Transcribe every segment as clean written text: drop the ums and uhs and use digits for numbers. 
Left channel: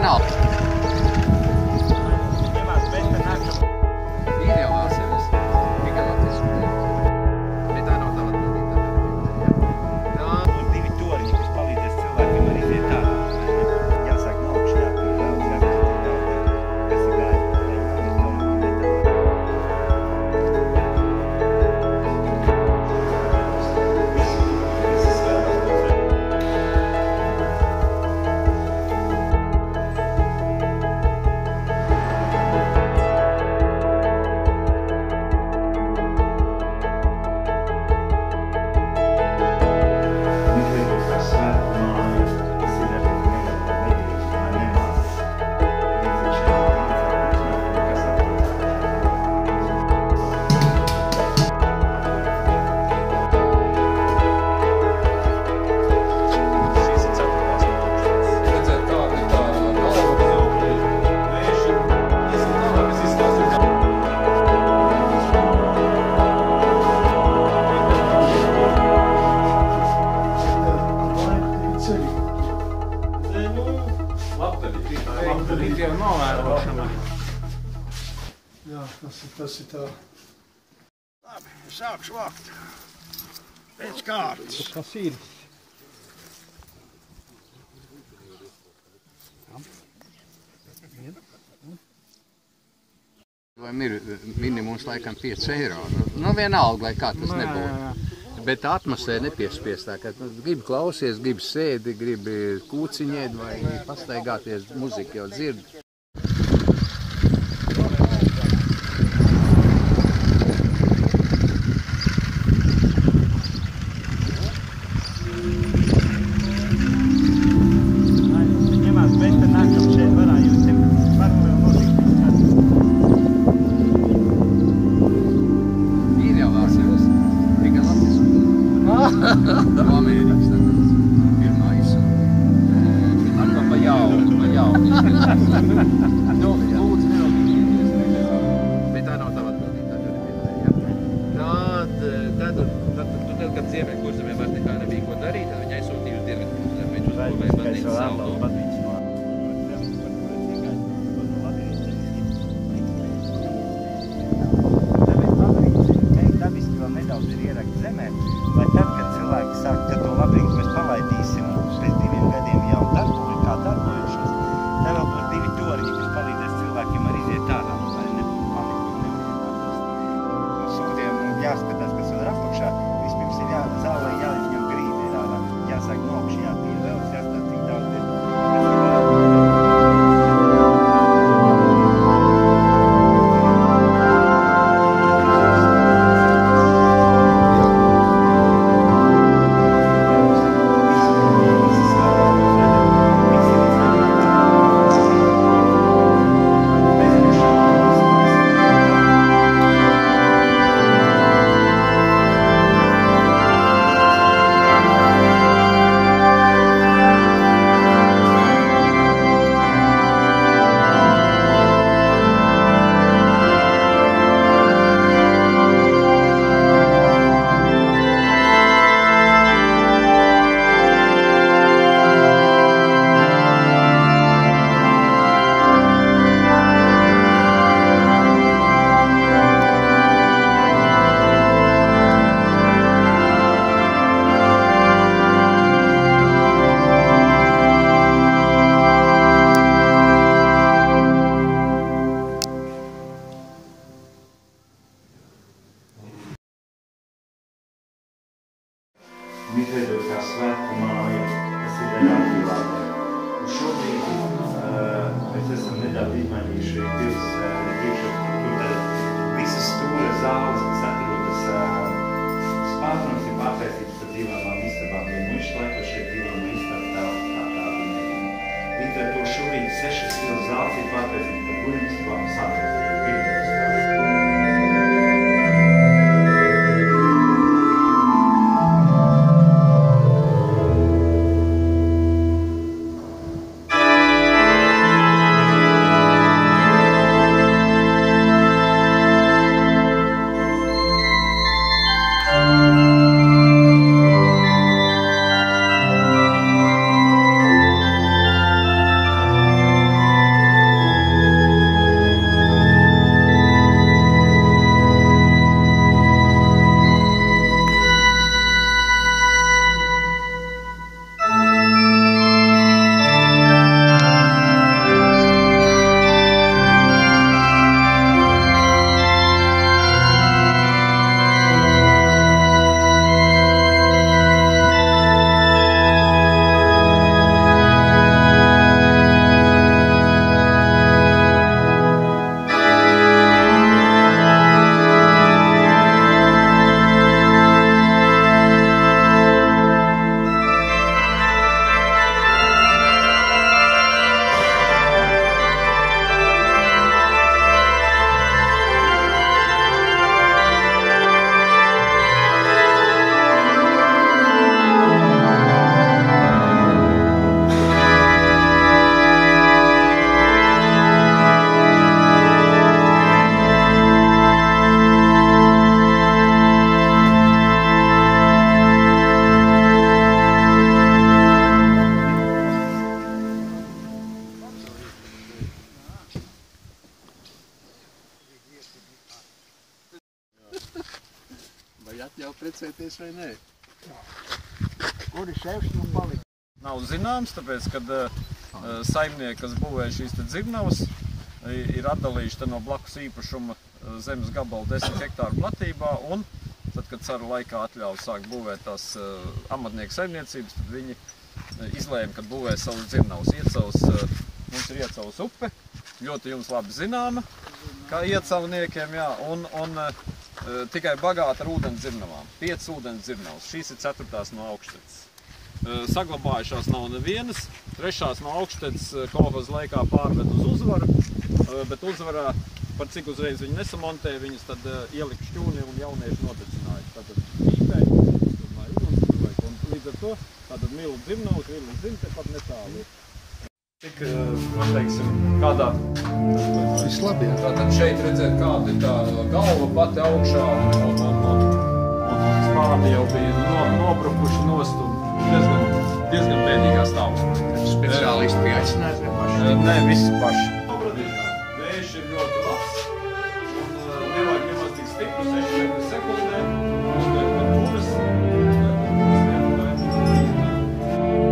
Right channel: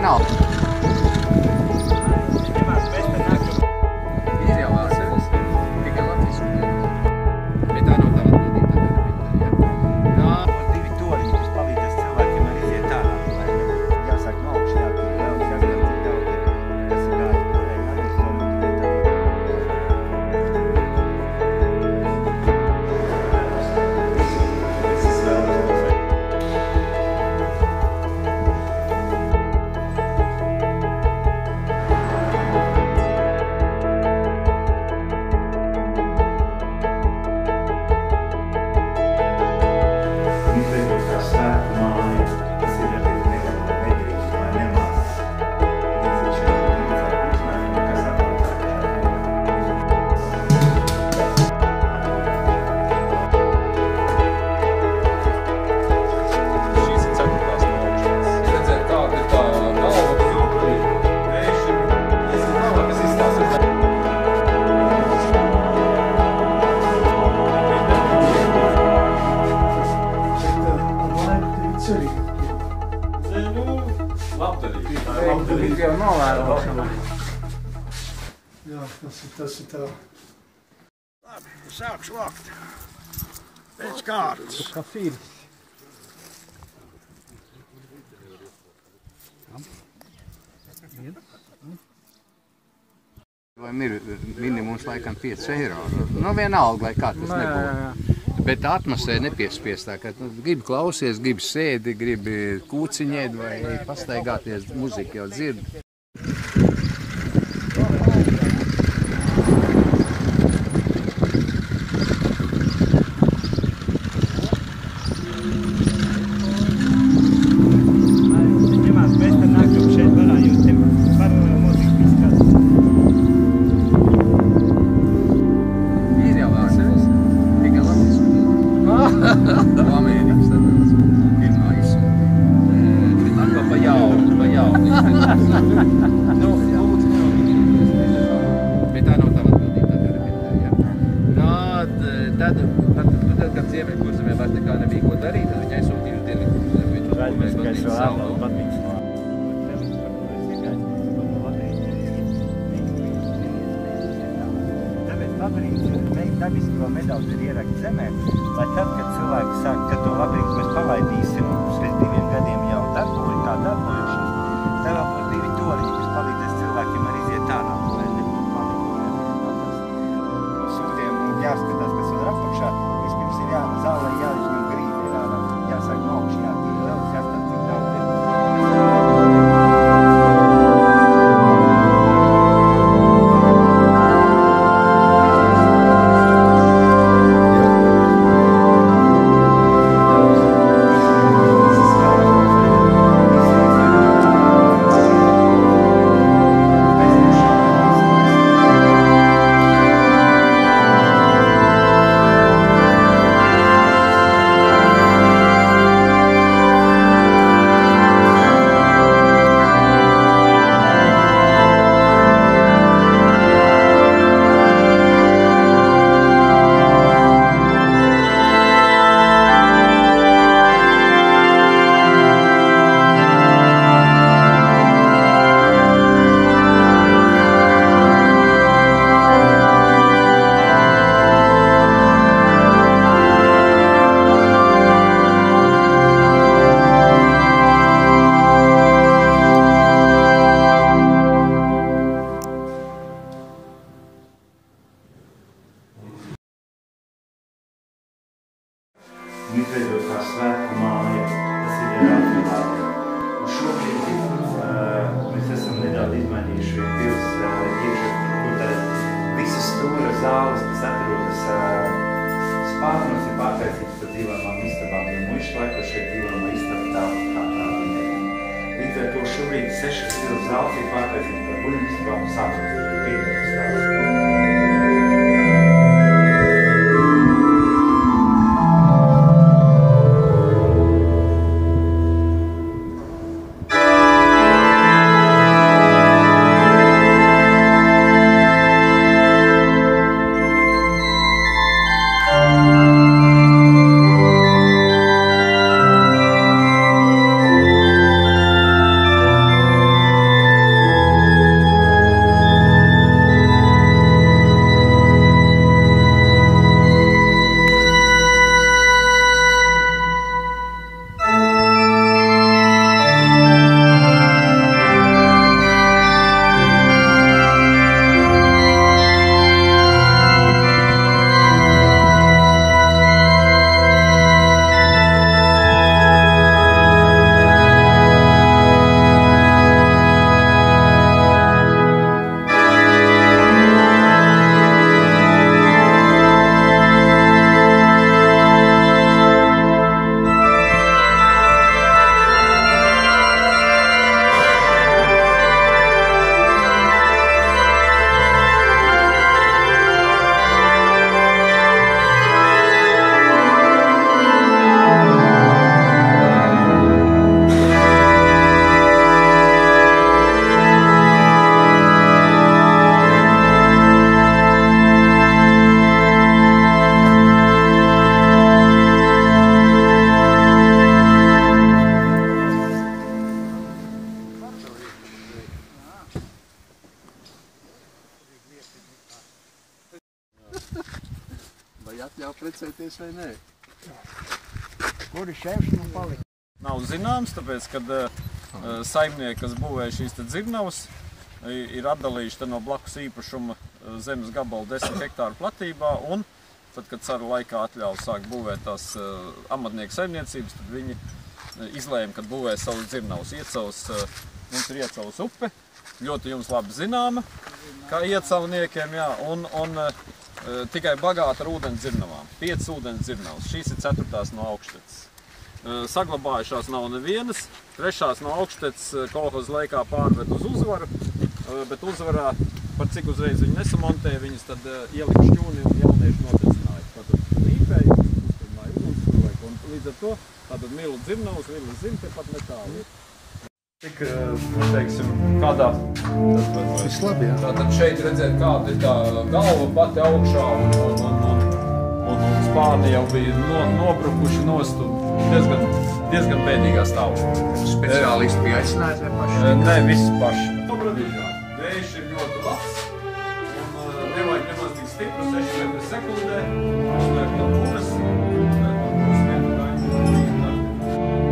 vienalga. Ir jau vēl sevis. Tikai latviski. Bet tā nav tā atbildība. Tā ir divi toriņi, kas palīdzēs cilvēkiem arī iziet ārā. Jāsāk no augšas, jāpīd daudz, jāpīd daudz. Tas ir daudz. Video novērošana. Jā, tas ir tā. Labi, sākšu vākt. Pēc kārtas. Kas ir? Ir minimums laikam 5 eiro. Nu vienalga, lai kā tas nebūtu. Bet atmosfēra nepiespiestā, ka gribi klausies, gribi sēdi, gribi kūciņēt vai pastaigāties, muzika jau dzird. Amerikas tāpēc pirmā izsūtīja. Atkal pa jaunu. Nu, lūdzu, bet tā nav tava atbildība. Tad, kad Ziemeļkurzemē vairs nekā nebija ko darīt, tad viņi aizsūtīja uz Dienvidkurzemi. Viņš uzbūvēja baznīcas saldu. Dabiski vēl nedaudz ir ierakt zemē, lai tad, kad cilvēki saka, ka to labrīt mēs palaidīsim pēc 2 gadiem jau darbojušos, tā vēl būs 2 toriņi, kas palīdzēs cilvēkiem arī iziet ārā. No sūdiem jāskatās, kas vēl ir apakšā. Vispirms ir zālē jāizņem grīdi ir ārā. Jāsāk no augšas, jāpīd daudz, jāskatās, cik daudz ir. Izveidotā svētku māja, kas ir atklāta. Un šobrīd mēs esam nedaudz izmainījuši visas stūra zāles, kas atrodas spārnos, ir pārtaisītas par dzīvojamām istabām, jo muišu laikos šeit dzīvojamā istaba tā kā tāda nebija. Līdz ar to šobrīd 6 stila zāles ir pārtaisītas par guļamistabām, sākot ar pirmajā stāstu. izdevies vai nē? Kuri šefs nu palika? Nav zināms, tāpēc, kad saimnieki, kas būvēja šīs dzirnavas, ir atdalījuši no blakus īpašuma zemes gabalu 10 hektāru platībā, un tad, kad caru laikā atļauj sākt būvēt tās amatnieku saimniecības, tad viņi izlēma, kad būvē savus dzirnavas. Mums ir Iecavas upe, ļoti jums labi zināma, kā iecavniekiem, jā, un tikai bagāta ar ūdens dzirnavām. 5 ūdens dzirnavas, šīs ir 4. no Augšteces. Saglabājušās nav nevienas, 3. no Augšteces kolhoza laikā pārmet uz Uzvaru, bet Uzvarā, par cik uzreiz viņi nesamontēja, viņas tad ielika šķūni un jaunieši notecināja. Tātad pīpēja, un līdz ar to tātad Milu dzirnavas, Milu zim tepat netālu. Tik, teiksim, kādā... Vislabi, jā. Tātad šeit redzēt, kāda ir tā galva pati augšā un spādi jau bija nobrukuši nost un diezgan bēdīgā stāvoklī. Speciālisti bija aicināti vai paši? Nē, visi paši. Vējš ir ļoti labs un nevajag nemaz tik stipru, 6 sekundē. Uzvērt no puras.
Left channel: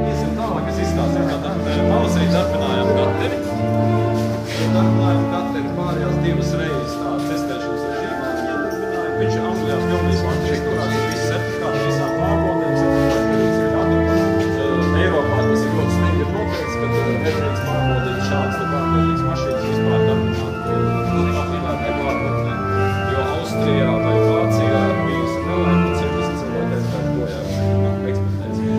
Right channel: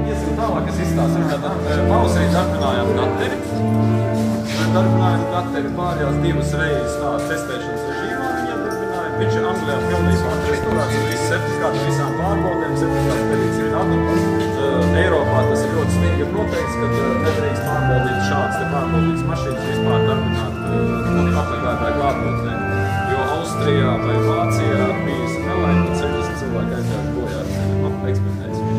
Iesim tālāk, es izstāstu. Tātad Mausei darbinājām gateri. Darbinājām gateri pārējās 2 reizes tādu testēšanas režīmu. Viņš ir Anglijā pilnīgi atšķirīgs, visu certifikātu visām pārbaudēm, certifikātu perīts ir atdod. Eiropā tas ir ļoti stingri noteikts, kad nedrīkst pārbaudīt šādas pārbaudītas mašīnas vispār darbināt patērētāju kārtotnē. Jo Austrijā vai Vācijā bija nelaime, 70 cilvēku aizgājuši bojā eksperimentācijā.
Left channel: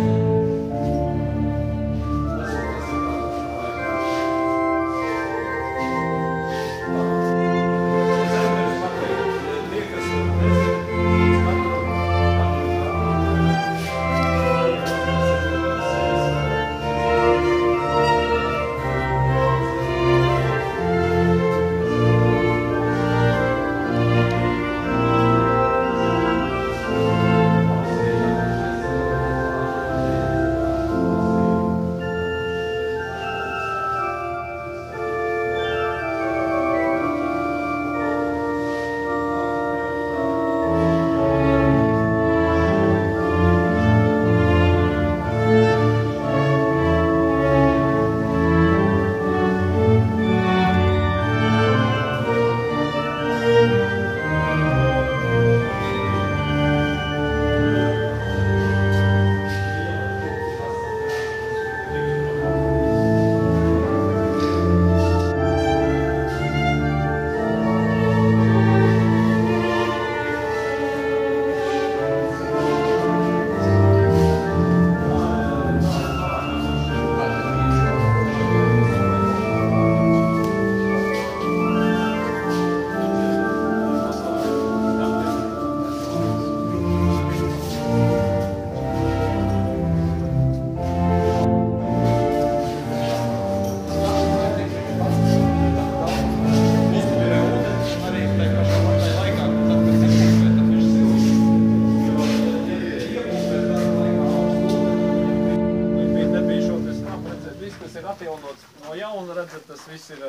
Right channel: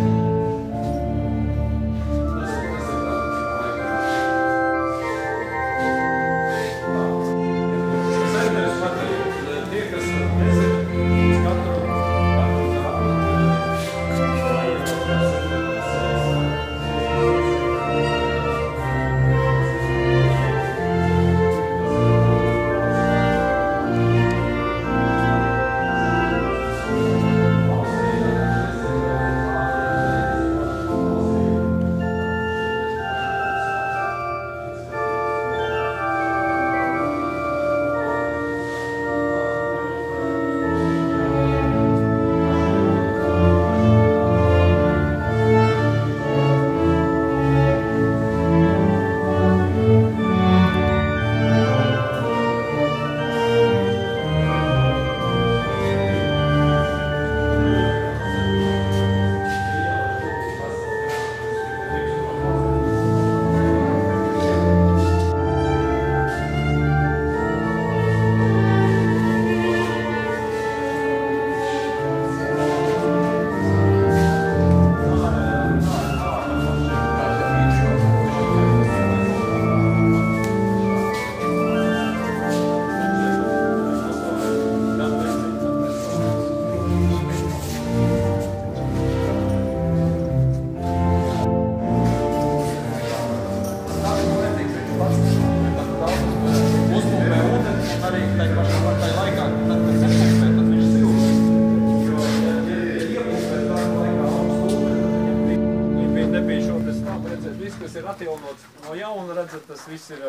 No jauna redzat, tas viss ir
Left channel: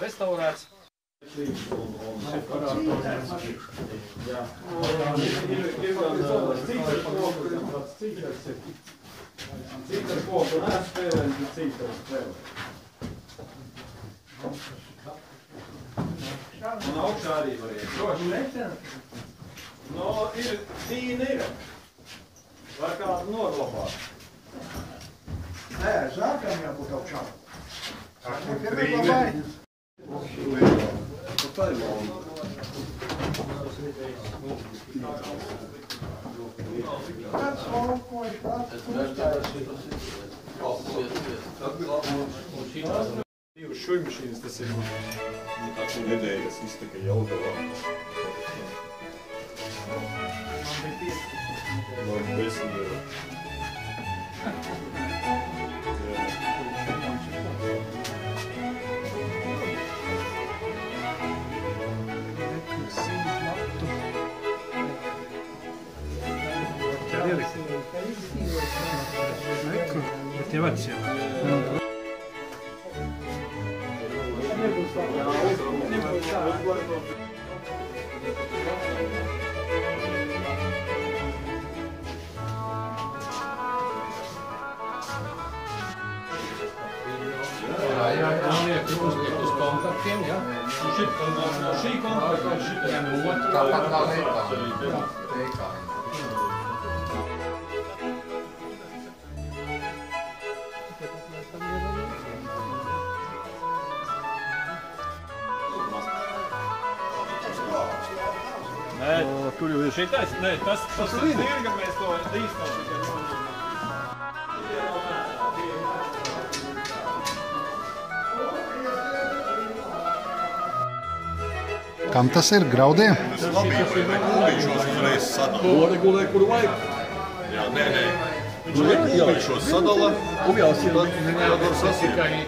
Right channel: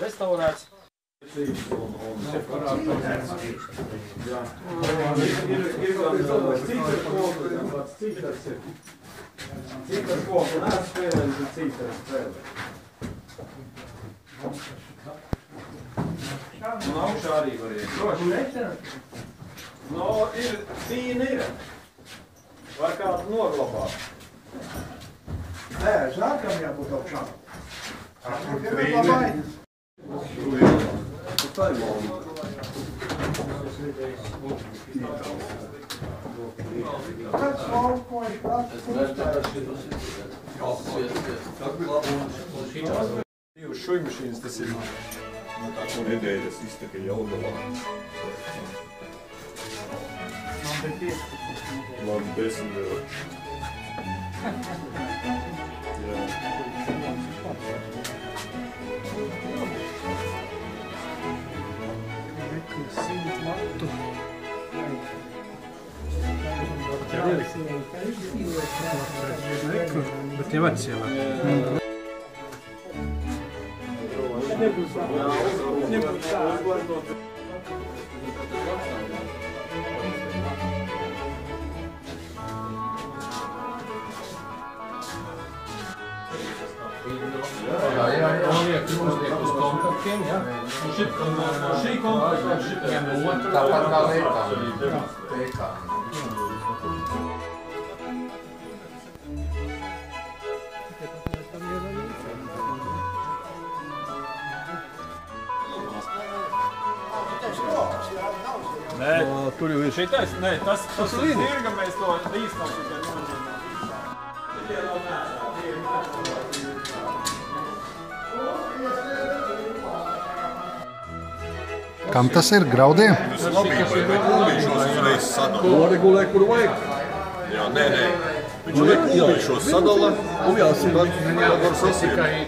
restaurēts. Un augšā arī var iet. Droši. No, ir tīni ir. Var kādu noglabāt. Nē, zārkam jābūt augšā. Trīni. Divas šujmašīnas tas ir. Nedēļas izteka Jelgavā. Man 10 eiro. Bet jau atcēlā. jā. Uzliek uz kontaktiem, jā. No šī kontakta šitiem otru. Tāpat kā Leikā. Nē, kur jau ir šitais? Nē, tas ir zirga, mēs to līstam tikai Kam tas ir? Graudiem? Tas ir labībai, vai kumbīšos uzreiz sadala. Noregulē, kur vajag. Jā, nē. Viņš vai kumbīšos sadala.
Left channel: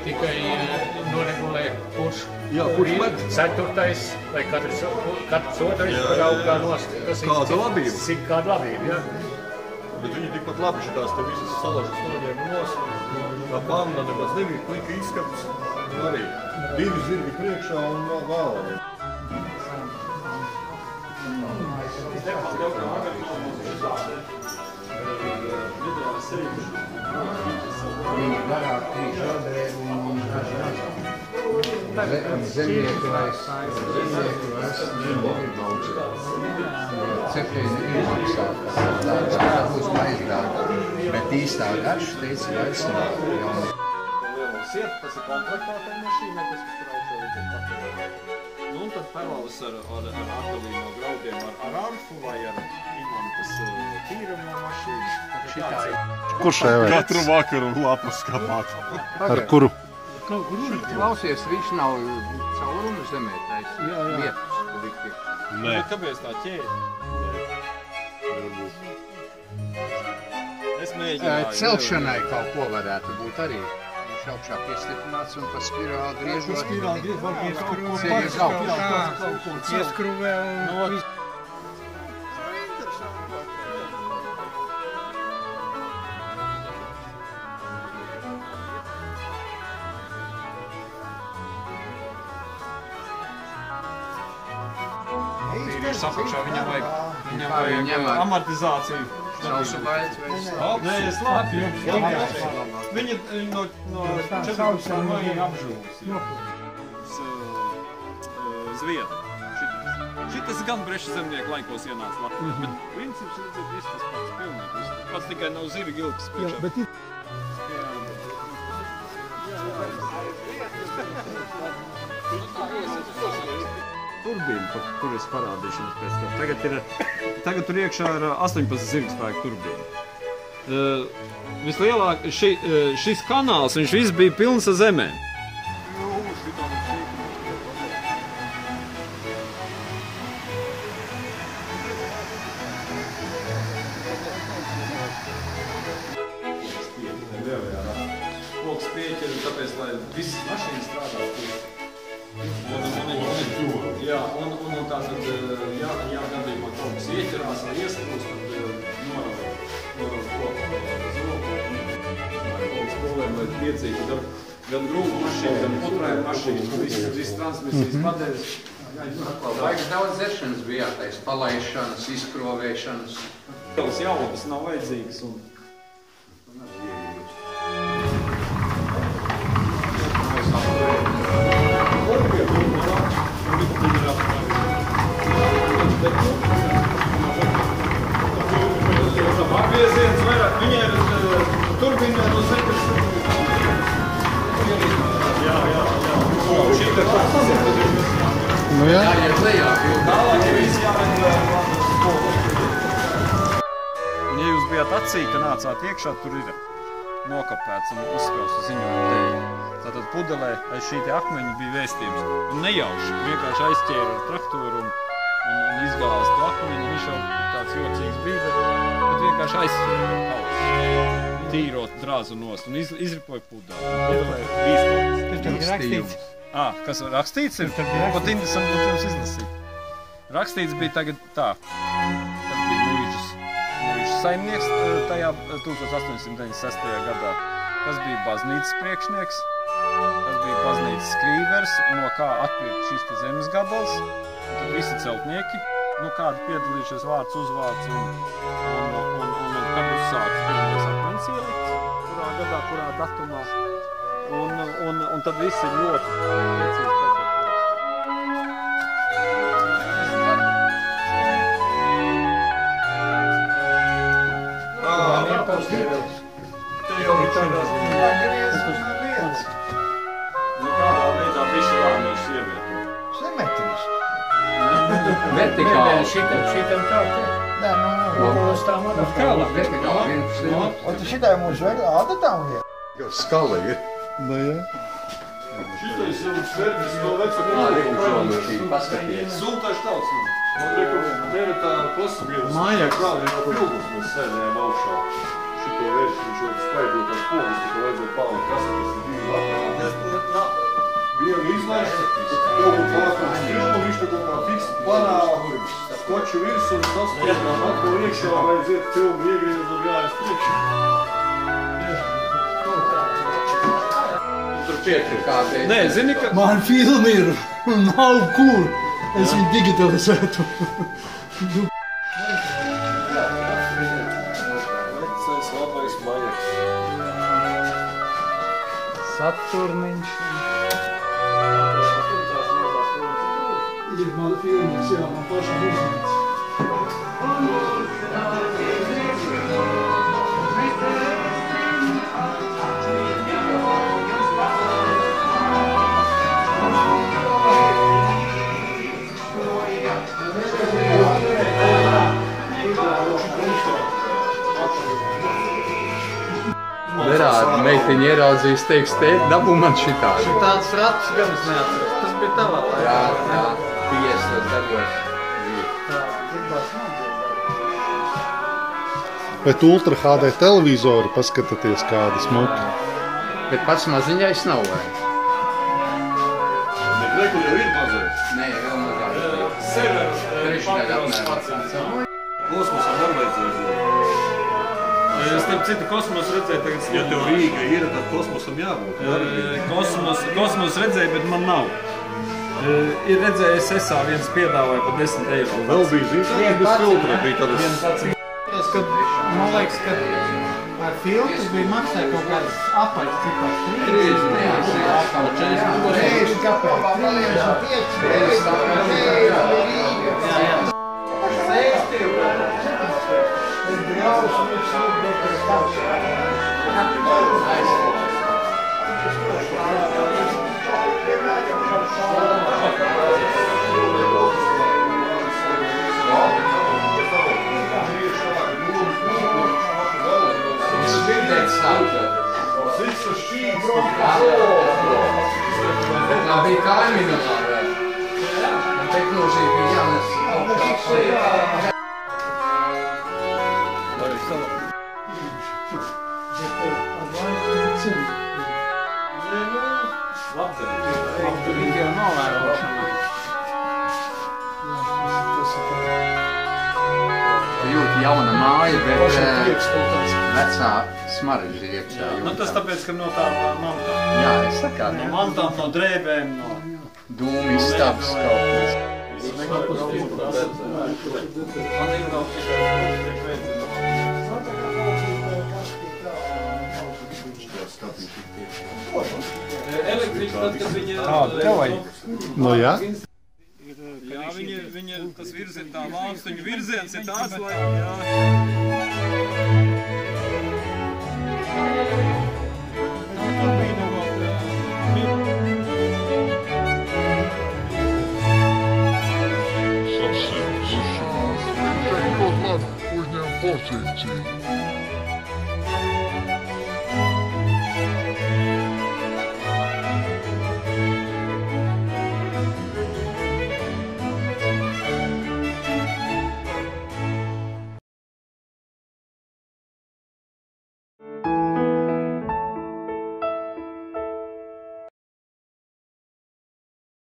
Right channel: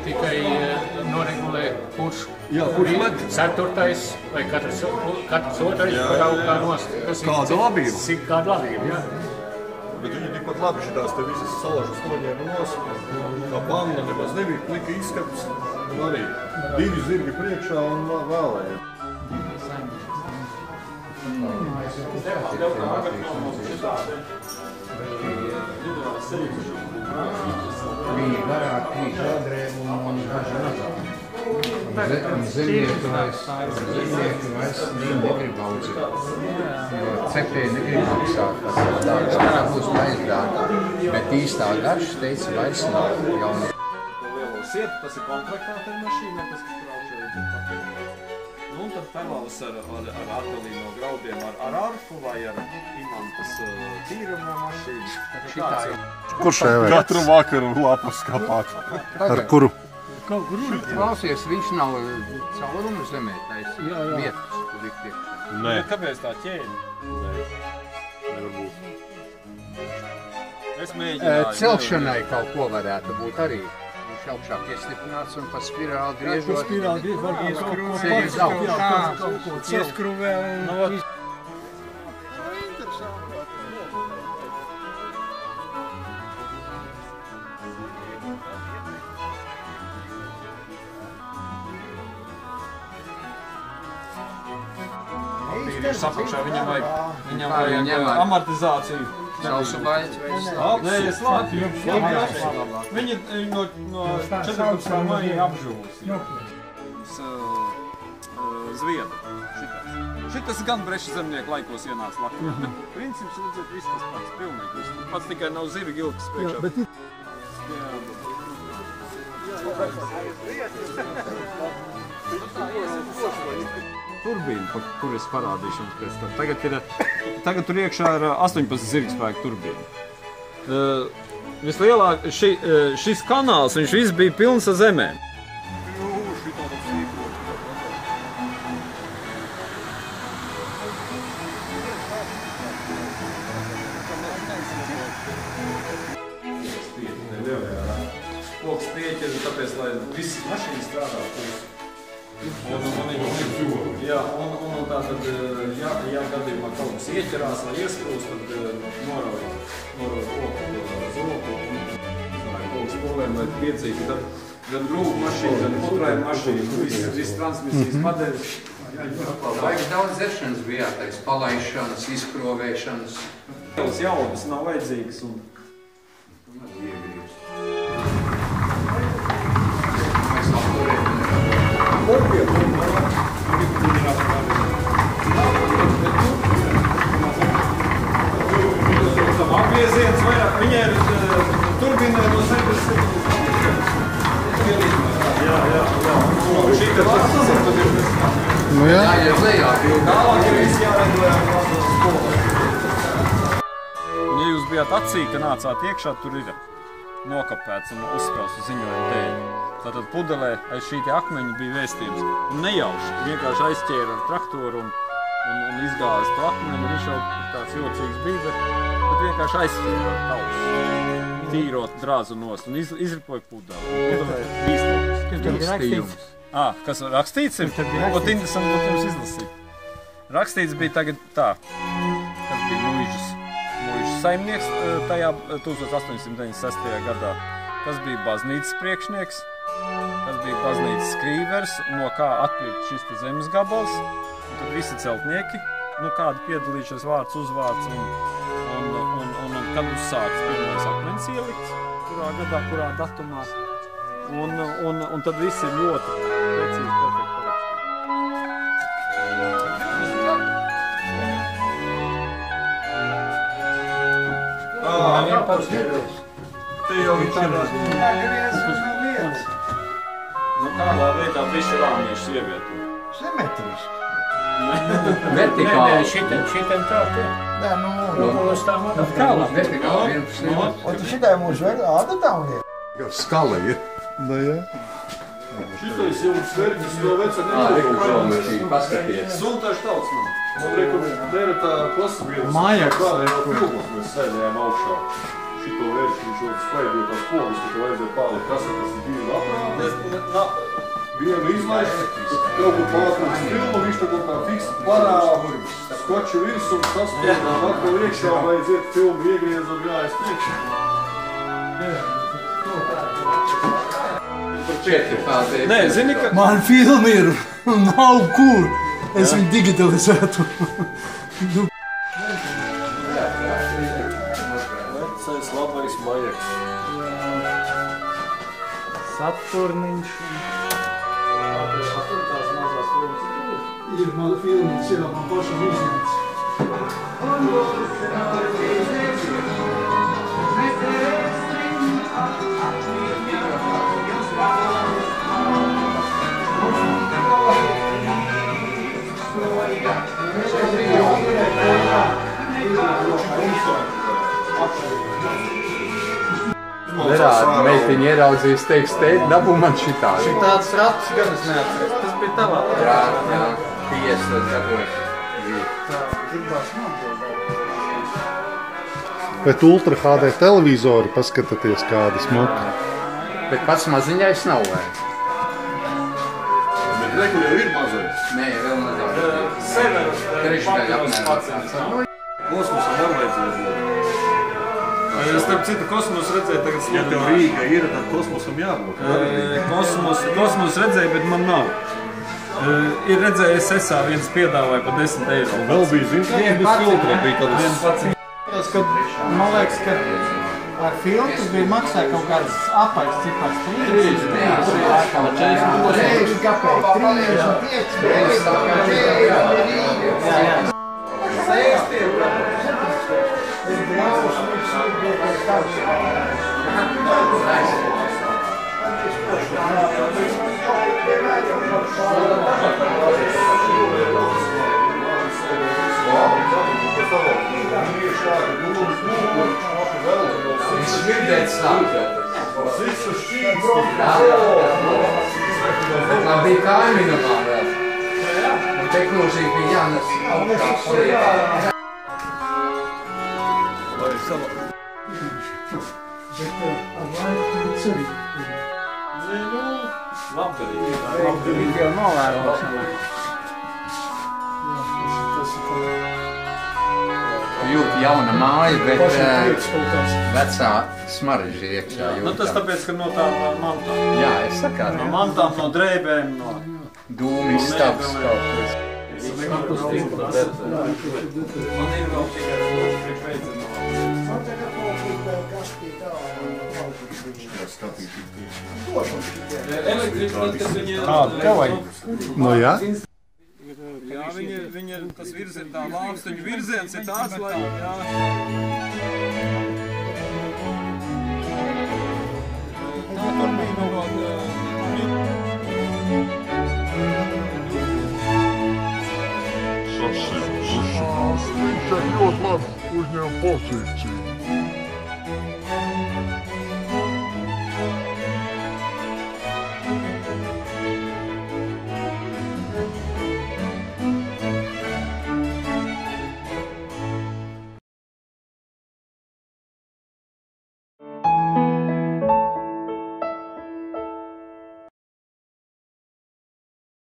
Tikai noregulē, kurš med? Ceturtais vai katrs otrais braukā nost. Kāda labība? Kāda labība, jā. Bet viņi tikpat labi šitās te visas salažas noņēma nos. Kā banda nemaz nebija, plika izskats. Arī 2 zirgi priekšā un vēlējiem. Viņi garāk 3 šodrēbu un zemnieki vairs ir daudz. Cepieni ir maksāt, kas dārgāk, tā būs maizdārgāk, bet īstā garša teica vairs nav jauni. Siet, tas ir komplektēta mašīna, kas kraušē līdz papīru. Nu, un tad parvalus ar artelīno graudiem, ar arfu vai ar imantas tīrumā mašīnu. Kurš šajā? Katru vakaru lapas kāpāt. Ar kuru? Klausies, viņš nav caurumu zemē, teica. Vietas, kur likt ir. Nē. Kāpēc tā ķēde? Es mēģināju. Celšanai kaut ko varētu būt arī. Viņš augšā piestiprināts un pa spirāli griežot. Ceļ uz augšu. Ieskruvē un... Ir sapakšā, viņam vajag amortizāciju. Sausu baļķi vai Nē, es labi. Viņa no 14. maija apžūs. Zviedri. Šitas gan breša zemnieku laikos ienāca Latvijā. Bet princips, redzēt, viss tas pats. Pilnīgi viss tas pats, tikai nav zirgi ilgs priekšā. Turbīna, kur es parādīšu jums pēc tam. Tagad tur iekšā ir 18 zirgspēku turbīna. Vislielāk, šis kanāls, viņš viss bija pilns ar zemēm. Loks pieķer, tāpēc, lai visas mašīnas strādā. Jā, un tā tad, ja gadījumā kaut kas ieķerās vai iesprūst, tad norauj koku uz roku. Kaut kas problēma, lai piecīgi, gan grūku mašīnu, gan putrāju mašīnu, viss transmisijas padeļas. Vajag daudz zešanas bija jātais, palaišanas, izkrovēšanas. Tās jaudas nav vajadzīgas un... Apgrieziens vairāk, viņai ir turbīnē no 7. Jā. Nu jā. Un ja jūs bijāt acī, ka nācāt iekšā, tur ir nokapēts un uzspēlts uz ziņojumu dēļ. Tātad pudelē aiz šī te akmeņa bija vēstījums. Un nejauši, vienkārši aizķēra ar traktoru un izgāzi to akmeņu. Viņš jau tāds jocīgs bija, bet vienkārši aizķēra ar kausu. Tīrot drāzu nost un izripoja pudelē. Vēstījums. Kas rakstīts ir? Ot interesanti būtu jums izlasīt. Rakstīts bija tagad tā, kas bija muižas saimnieks tajā 1896. gadā, kas bija baznīcas priekšnieks, kas bija baznīcas skrīvers, no kā atpirkt šis te zemes gabals, un tad visi celtnieki, nu kādi piedalījušies vārds, uzvārds, un kad uzsāks pirmais akmens ielikts, kurā gadā, kurā datumā, Un tad viss ir ļoti precīzi perfekti parakstīts. Te jau viņš ir viens. Nu tādā veidā visu rāmīšu ievieto. Simetriski. Vertikāli. Šitam tā, tā. Nē, Rokolos tā man. Vertikāli. Un tu šitai mūs vajag ādatā un iet. Skala ir. Nu, jā. šitais jau sverģis to veca Paskaties. Sultāši tauts nav. Man liekas, dēļ tā klasabiedras. Mājaks. Kā jau filmas mēs sēdējām augšā. Šito vērķi viņš jau spraidīja tās pogas, tā kā vajadzēja pārlikt kasetes ir divi lapā. Vienu izlaist, kaut kur pārkums filmu, viņš tā kaut kā fiks parā, skoču virs un sasprādām atkal iekšā, vajadzētu filmu iegriez un jāies priekšā. Nē, zini, ka... Man filmi ir, nav kur. Es viņu digitalizētu. Vecais Latvijas Mājaks. Saturniņš. Ir man filmas, jā, man pašam uzņemts. Nerādi, meitiņi ieraudzīs, teiks, tēt, dabū man šitā. Tāds ratus gan es neatceros, tas bija tavā. Jā, 50 dabūs. Bet Ultra HD televizori paskatāties kādi smuki. Bet pats maziņais nav vajag. Bet rekur jau ir mazais. Nē, vēl mazāk. Trešdaļa apmēram. Kosmosam var vajadzēja būt. Starp citu, kosmosu redzēju tagad... Ja tev Rīga ir, tad kosmosam jābūt. Kosmosu redzēju, bet man nav. Ir redzējis SSA viens piedāvāja pa 10 eiro. Vēl bija zins, bez filtra bija tādas... Tas, kad, man liekas, ka ar filtru bija maksāja kaut kādas apaļas cipars 30 kapēji, 35. Viņš dzirdēt stāvēt. Bet nav bija kaimiņu vēl. Un tehnoloģija bija jānes augstā. Labdarīgi jau novērošanā. Jūt jauna māja, bet vecā smarža iekšā. Nu, tas tāpēc, ka no tādām mantām. Jā, es sakā. No mantām, no drēbēm, no... Dūmi izstāps kaut kas. Man ir vēl tikai elektrība, tad, kad viņi... Nu, jā? Jā, viņi tas virziens, tā lākstuņu virziens ir tāds, lai... Jā. Tā bija no vēl... Sasims. Kaut labi uzņēma pozīciju.